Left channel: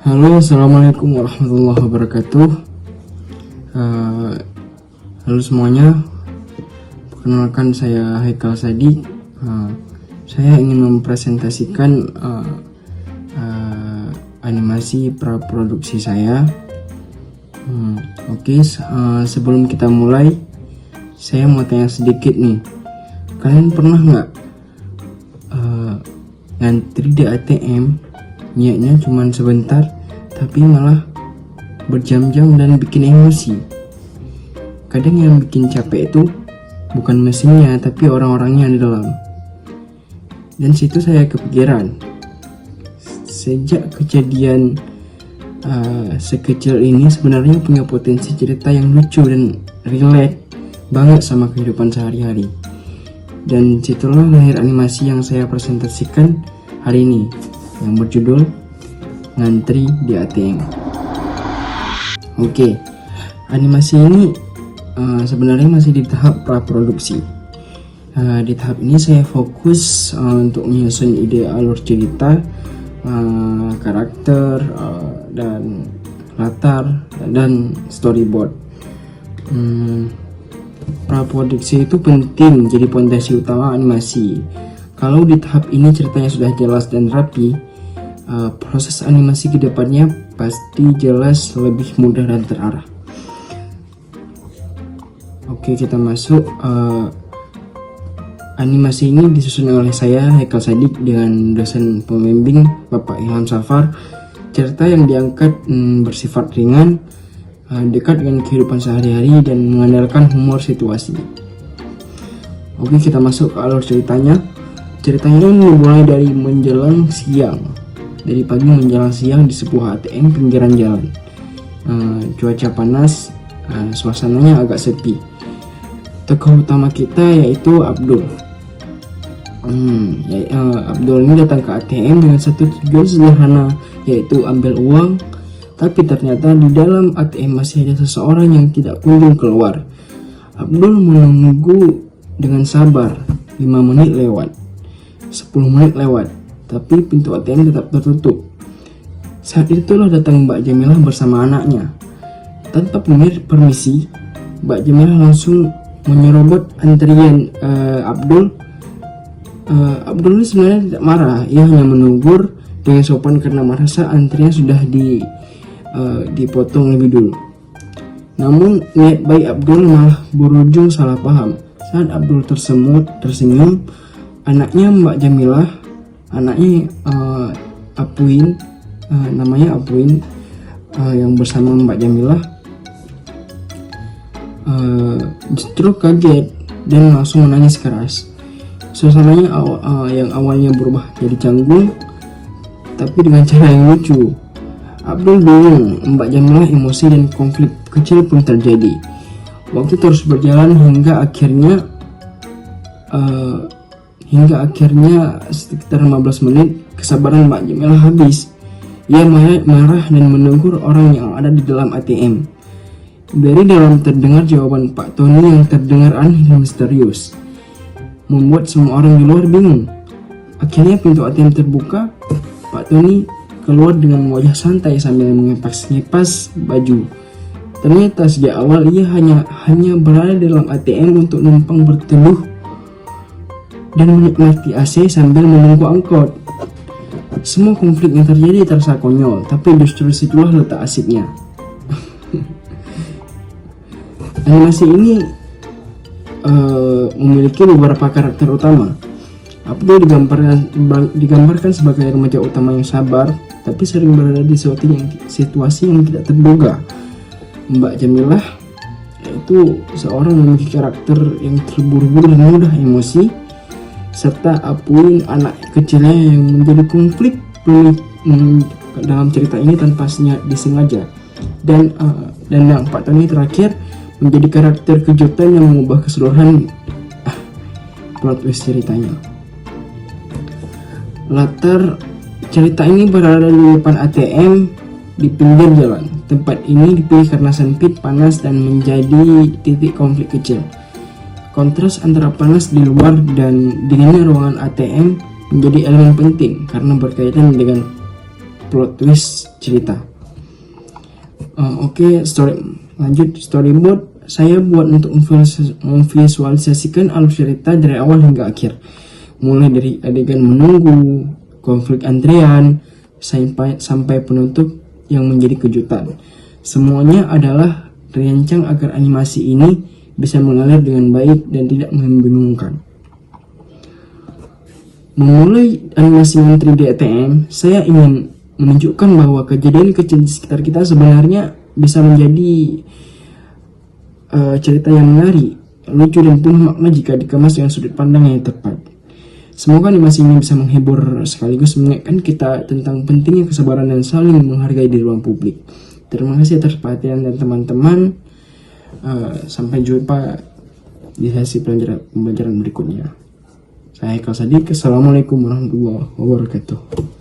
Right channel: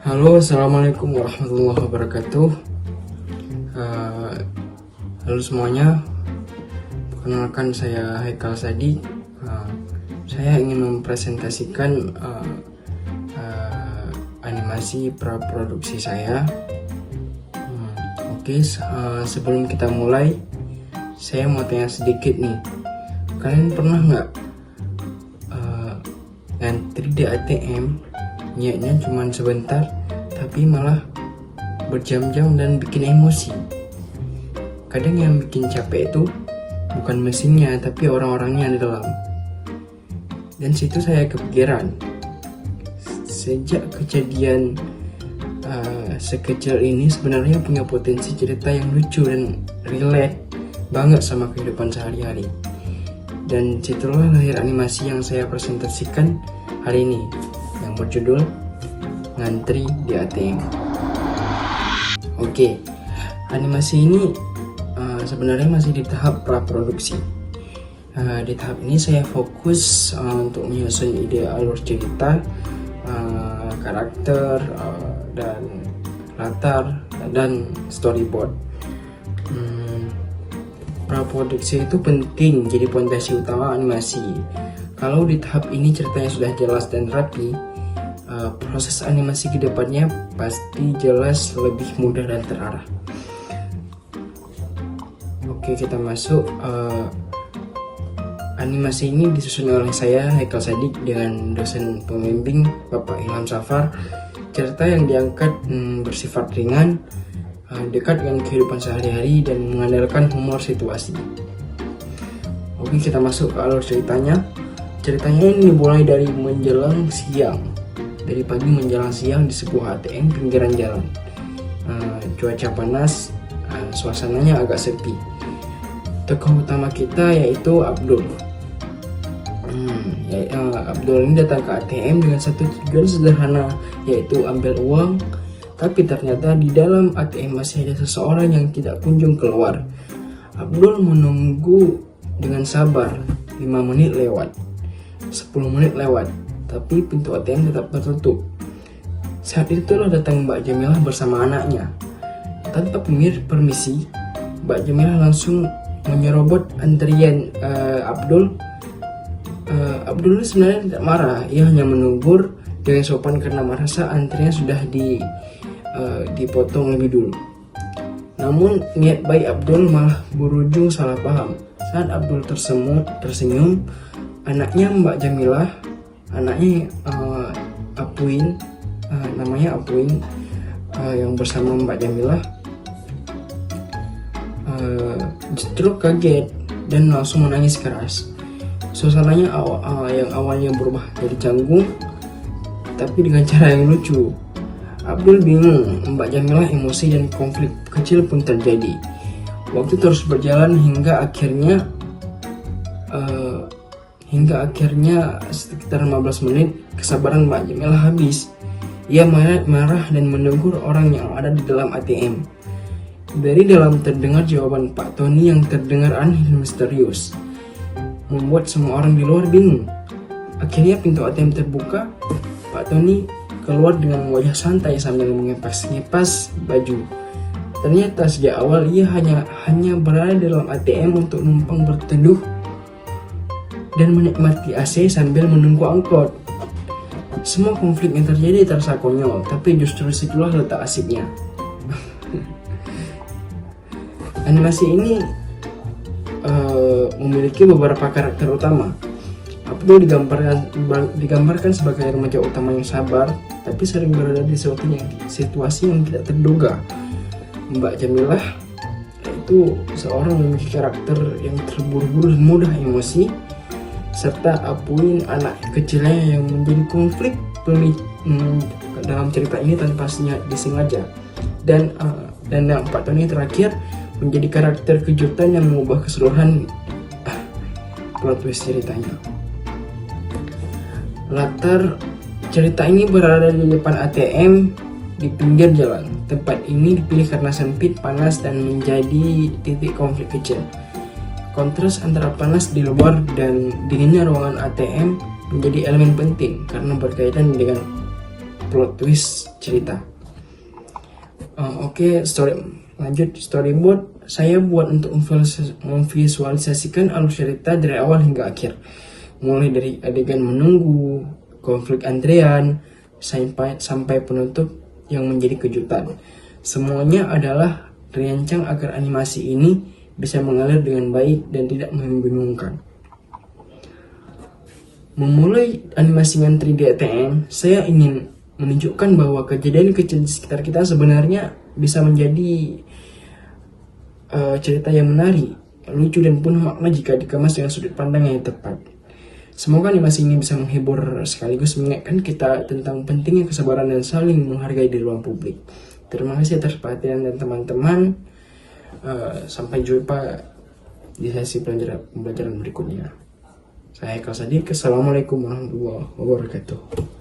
Halo, assalamualaikum warahmatullahi wabarakatuh. Eh, Halo semuanya, perkenalkan saya Haikal Sadiq. Saya ingin mempresentasikan animasi praproduksi saya. Sebelum kita mulai, saya mau tanya sedikit nih. Kalian pernah nggak ngantri di ATM? Niatnya cuma sebentar, tapi malah berjam-jam dan bikin emosi. Kadang yang bikin capek itu bukan mesinnya, tapi orang-orangnya di dalam. Dan situ saya kepikiran, sejak kejadian sekecil ini sebenarnya punya potensi cerita yang lucu dan relate banget sama kehidupan sehari-hari. Dan situlah lahir animasi yang saya presentasikan hari ini, yang berjudul Ngantri di ATM. Animasi ini sebenarnya masih di tahap praproduksi. Di tahap ini saya fokus untuk menyusun ide alur cerita, karakter, dan latar dan storyboard. Praproduksi itu penting jadi pondasi utama animasi. Kalau di tahap ini ceritanya sudah jelas dan rapi, proses animasi ke depannya pasti jelas, lebih mudah dan terarah. Kita masuk. Animasi ini disusun oleh saya, Haikal Sadiq, dengan dosen pembimbing Bapak Ilham Safar. Cerita yang diangkat bersifat ringan, dekat dengan kehidupan sehari-hari, dan mengandalkan humor situasi. Kita masuk ke alur ceritanya. Ceritanya dimulai dari menjelang siang. Dari pagi menjelang siang di sebuah ATM pinggiran jalan. Cuaca panas, suasananya agak sepi. Tokoh utama kita yaitu Abdul. Abdul ini datang ke ATM dengan satu tujuan sederhana, yaitu ambil uang. Tapi ternyata di dalam ATM masih ada seseorang yang tidak kunjung keluar. Abdul menunggu dengan sabar. 5 menit lewat, 10 menit lewat, tapi pintu ATM tetap tertutup. Saat itulah datang Mbak Jamilah bersama anaknya. Tanpa permisi, Mbak Jamilah langsung menyerobot antrian Abdul. Abdul ini sebenarnya tidak marah, ia hanya menegur dengan sopan karena merasa antrian sudah dipotong lebih dulu. Namun niat baik Abdul malah berujung salah paham. Saat Abdul tersenyum, anaknya Mbak Jamilah, anaknya Apuin, namanya Apuin, yang bersama Mbak Jamilah, justru kaget dan langsung menangis keras. Suasananya yang awalnya berubah jadi canggung, tapi dengan cara yang lucu. Abdul bingung, Mbak Jamilah emosi, dan konflik kecil pun terjadi. Waktu terus berjalan hingga akhirnya sekitar 15 menit kesabaran Mbak Jamilah habis. Ia marah dan menegur orang yang ada di dalam ATM. Dari dalam terdengar jawaban Pak Tony yang terdengar aneh dan misterius, membuat semua orang di luar bingung. Akhirnya pintu ATM terbuka. Pak Tony keluar dengan wajah santai sambil mengipas baju. Ternyata sejak awal ia hanya berada dalam ATM untuk numpang berteduh dan menikmati AC sambil menunggu angkot. Semua konflik yang terjadi terasa konyol, tapi justru situlah letak asiknya. Animasi ini memiliki beberapa karakter utama. Abdul digambarkan sebagai remaja utama yang sabar, tapi sering berada di situasi yang tidak terduga. Mbak Jamilah itu seorang memiliki karakter yang terburu-buru dan mudah emosi, serta Apuin, anak kecilnya, yang menjadi konflik dalam cerita ini tanpa disengaja. Dan yang Pak Tony terakhir menjadi karakter kejutan yang mengubah keseluruhan plot twist ceritanya. Latar cerita ini berada di depan ATM di pinggir jalan. Tempat ini dipilih karena sempit, panas, dan menjadi titik konflik kecil. Kontras antara panas di luar dan dinginnya ruangan ATM menjadi elemen penting karena berkaitan dengan plot twist cerita. Oke, lanjut storyboard. Saya buat untuk memvisualisasikan alur cerita dari awal hingga akhir, mulai dari adegan menunggu, konflik Andrean, sampai penutup yang menjadi kejutan. Semuanya adalah dirancang agar animasi ini bisa mengalir dengan baik dan tidak membingungkan. Memulai animasi dengan 3D ATM, saya ingin menunjukkan bahwa kejadian kecil di sekitar kita sebenarnya bisa menjadi cerita yang menarik, lucu dan penuh makna jika dikemas dengan sudut pandang yang tepat. Semoga animasi ini bisa menghibur sekaligus mengingatkan kita tentang pentingnya kesabaran dan saling menghargai di ruang publik. Terima kasih atas perhatian dan teman-teman. Sampai jumpa di sesi pembelajaran berikutnya. Saya Haikal Sadiq. Assalamualaikum warahmatullahi wabarakatuh.